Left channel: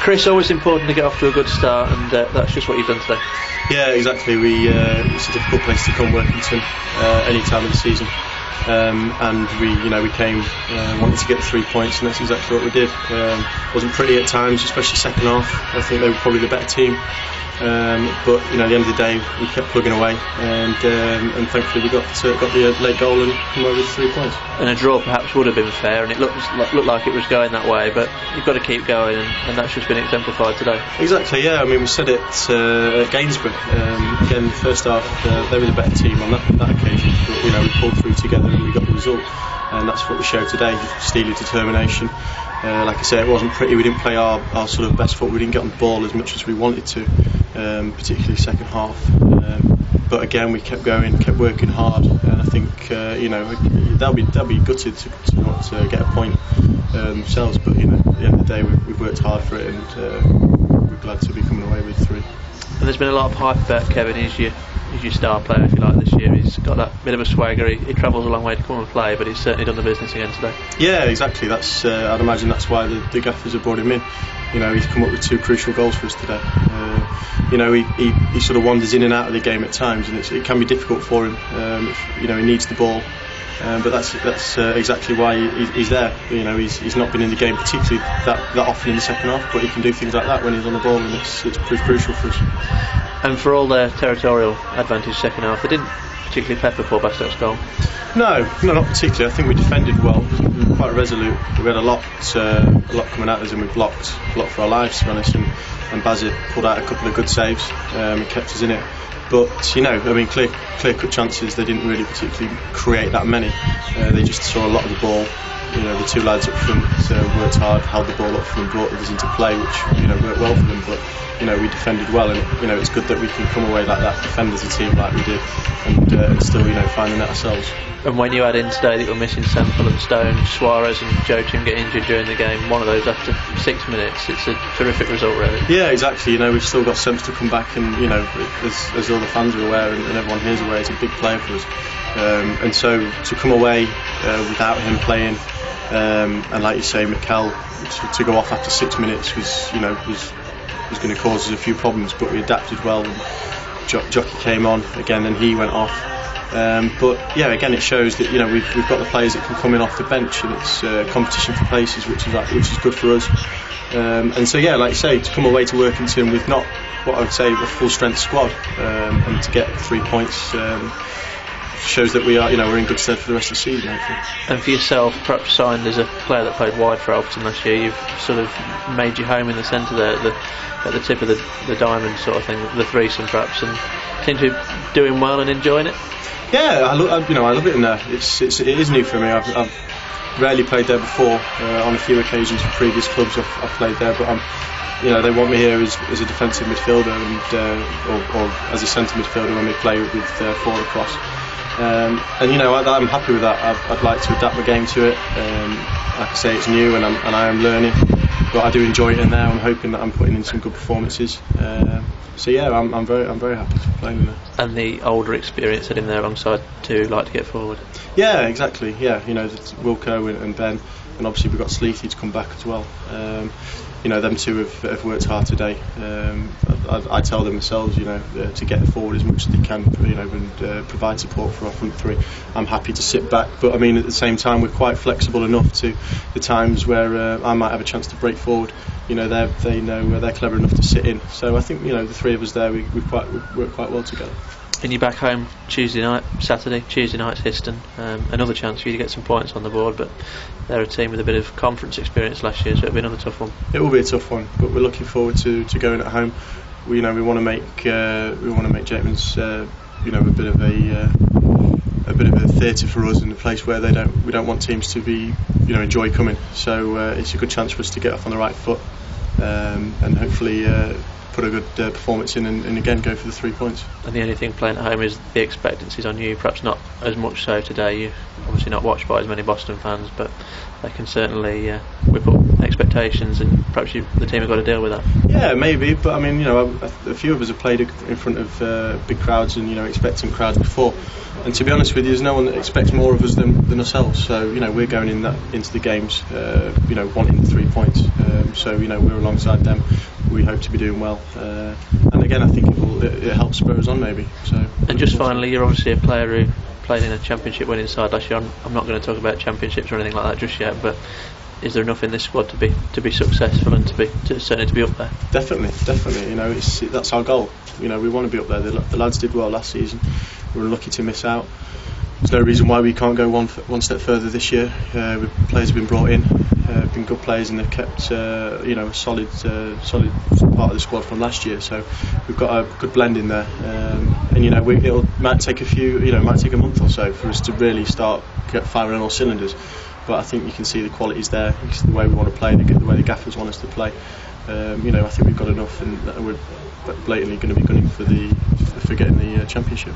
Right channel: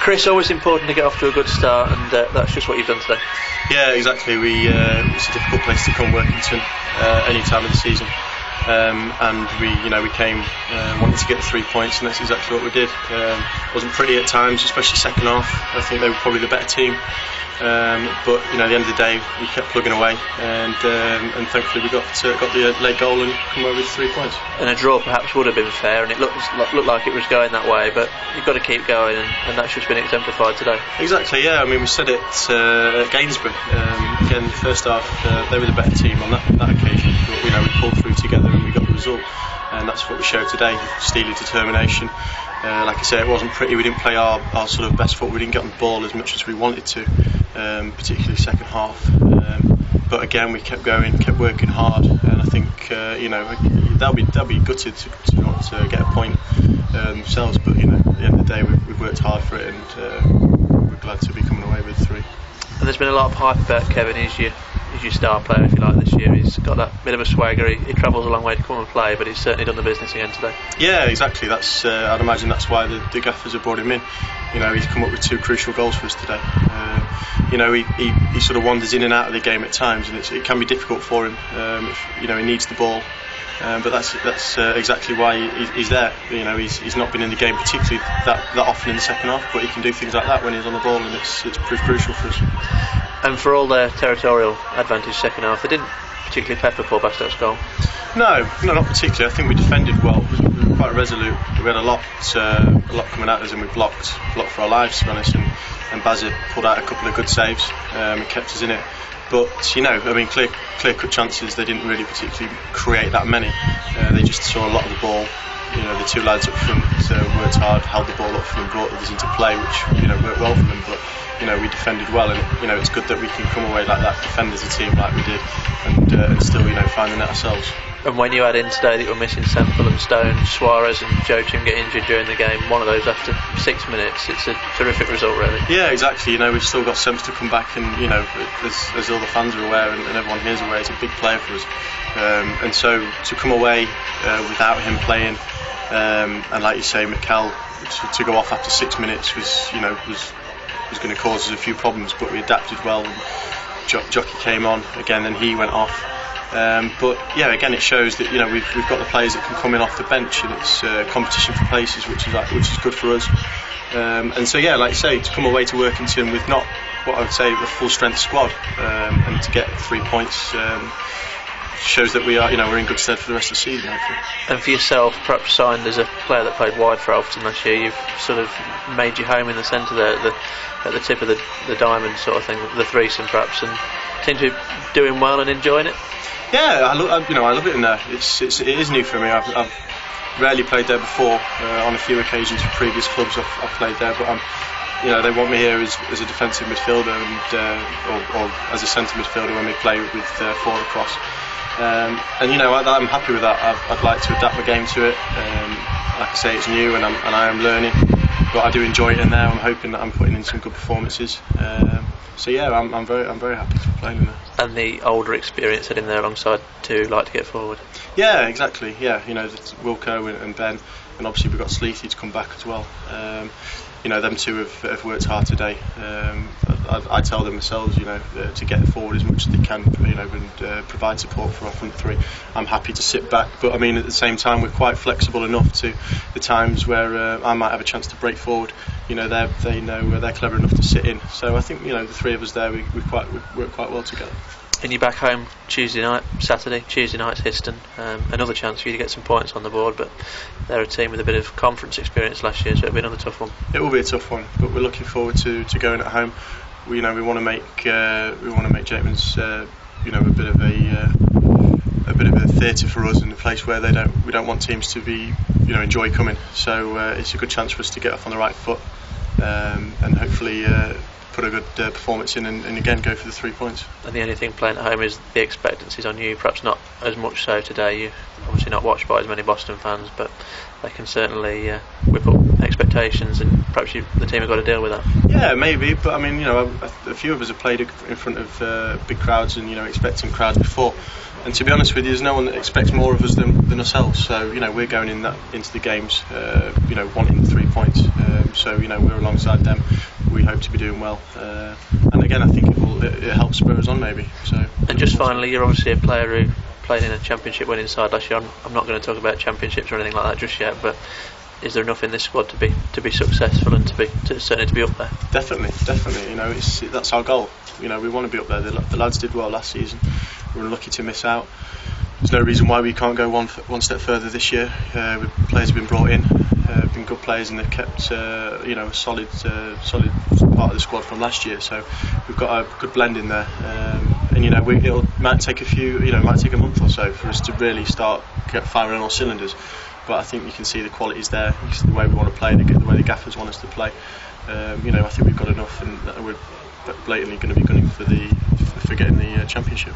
Chris, always important to get off to a good start, and that's just what you've done today. Yeah, exactly. It's a difficult place to come, Workington, any time of the season, and we came wanting to get the 3 points, and that's exactly what we did. Wasn't pretty at times, especially second half. I think they were probably the better team, but at the end of the day, we kept plugging away, and thankfully we got the late goal and come away with 3 points. And a draw perhaps would have been fair, and it looked like it was going that way, but you've got to keep going, and that's just been exemplified today. Exactly, yeah. I mean, we said it at Gainsborough. Again, the first half they were the better team on that occasion, but we pulled through together and we got the result, and that's what we showed today: steely determination. Like I say, it wasn't pretty. We didn't play our sort of best foot. We didn't get on the ball as much as we wanted to, particularly second half. But again, we kept going, kept working hard, and I think they'll be gutted to not get a point themselves. But at the end of the day, we've worked hard for it, and we're glad to be coming away with 3. And there's been a lot of hype about Kevin. He's your star player, if you like, this year. He's got that bit of a swagger. He travels a long way to come and play, but he's certainly done the business again today. Yeah, exactly. That's I'd imagine that's why the gaffers have brought him in. He's come up with 2 crucial goals for us today. He sort of wanders in and out of the game at times, and it can be difficult for him. He needs the ball, but that's exactly why he's there. He's not been in the game particularly that often in the second half, but he can do things like that when he's on the ball, and it's proved crucial for us. And for all their territorial advantage second half, they didn't particularly pepper Paul Bastock's goal. No, not particularly. I think we defended well. We were quite resolute. We had a lot coming at us, and we blocked for our lives, to be honest. And Bazit pulled out a couple of good saves. It kept us in it. But clear-cut chances. They didn't really particularly create that many. They just saw a lot of the ball. The 2 lads up front worked hard, held the ball up for them, brought others into play, which worked well for them. But we defended well, and it's good that we can come away like that, defend as a team like we did, and still find the net ourselves. And when you add in today that you're missing Semple and Stone, Suarez and Joe Tim get injured during the game, one of those after 6 minutes, it's a terrific result, really. Yeah, exactly. We've still got Semps to come back, and as all the fans are aware, and everyone here is aware, he's a big player for us. And so to come away without him playing, and like you say, Mikel to go off after 6 minutes was going to cause us a few problems, but we adapted well. And Jockey came on again, and he went off. But yeah, again, it shows that we've got the players that can come in off the bench, and it's competition for places, which is good for us. And so yeah, like you say, to come away to Workington with not what I would say a full strength squad, and to get 3 points. Shows that we're in good stead for the rest of the season, hopefully. And for yourself, perhaps signed as a player that played wide for Alfreton last year, you've sort of made your home in the centre there, at the tip of the diamond sort of thing, the threesome perhaps, and seem to be doing well and enjoying it. Yeah, I love it in there. It is new for me. I've rarely played there before. On a few occasions for previous clubs I've played there, but they want me here as a defensive midfielder and or as a centre midfielder when we play with 4 across. I'm happy with that. I'd like to adapt my game to it. Like I say, it's new, and I am learning, but I do enjoy it in there. I'm hoping that I'm putting in some good performances. So yeah, I'm very happy to be playing in there. And the older experience sitting there alongside to like to get forward. Yeah, exactly. Yeah, Wilco and Ben, and obviously we've got Sleethy to come back as well. Them 2 have worked hard today. I tell them themselves, to get forward as much as they can, and provide support for our front 3. I'm happy to sit back, but at the same time, we're quite flexible enough to the times where I might have a chance to break forward. They know they're clever enough to sit in. So I think the 3 of us there, we work quite well together. And you're back home Tuesday night's Histon. Another chance for you to get some points on the board, but they're a team with a bit of conference experience last year, so it'll be another tough one. It will be a tough one, but we're looking forward to going at home. We want to make Jakeman's a bit of a theatre for us, in a place where we don't want teams to be enjoy coming. So it's a good chance for us to get off on the right foot, and hopefully put a good performance in, and again go for the 3 points. And the only thing playing at home is the expectancies on you, perhaps not as much so today. You're obviously not watched by as many Boston fans, but they can certainly whip up expectations, and perhaps the team have got to deal with that. Yeah, maybe, but I mean, a few of us have played in front of big crowds and expectant crowds before, and to be honest with you, there's no one that expects more of us than ourselves. So we're going into the games, wanting the 3 points. So we're alongside them. We hope to be doing well, and again, I think it helps spur us on maybe. So. And just finally, you're obviously a player who played in a championship winning side last year. I'm not going to talk about championships or anything like that just yet, but is there enough in this squad to be successful and certainly to be up there? Definitely. That's our goal. We want to be up there. The lads did well last season. We were lucky to miss out. There's no reason why we can't go one step further this year. Players have been brought in, been good players, and they've kept a solid part of the squad from last year. So we've got a good blend in there, and it might take a month or so for us to really start firing on all cylinders. But I think you can see the quality's there. You can see the way we want to play, the way the gaffers want us to play. I think we've got enough, and we're blatantly going to be gunning for getting the championship.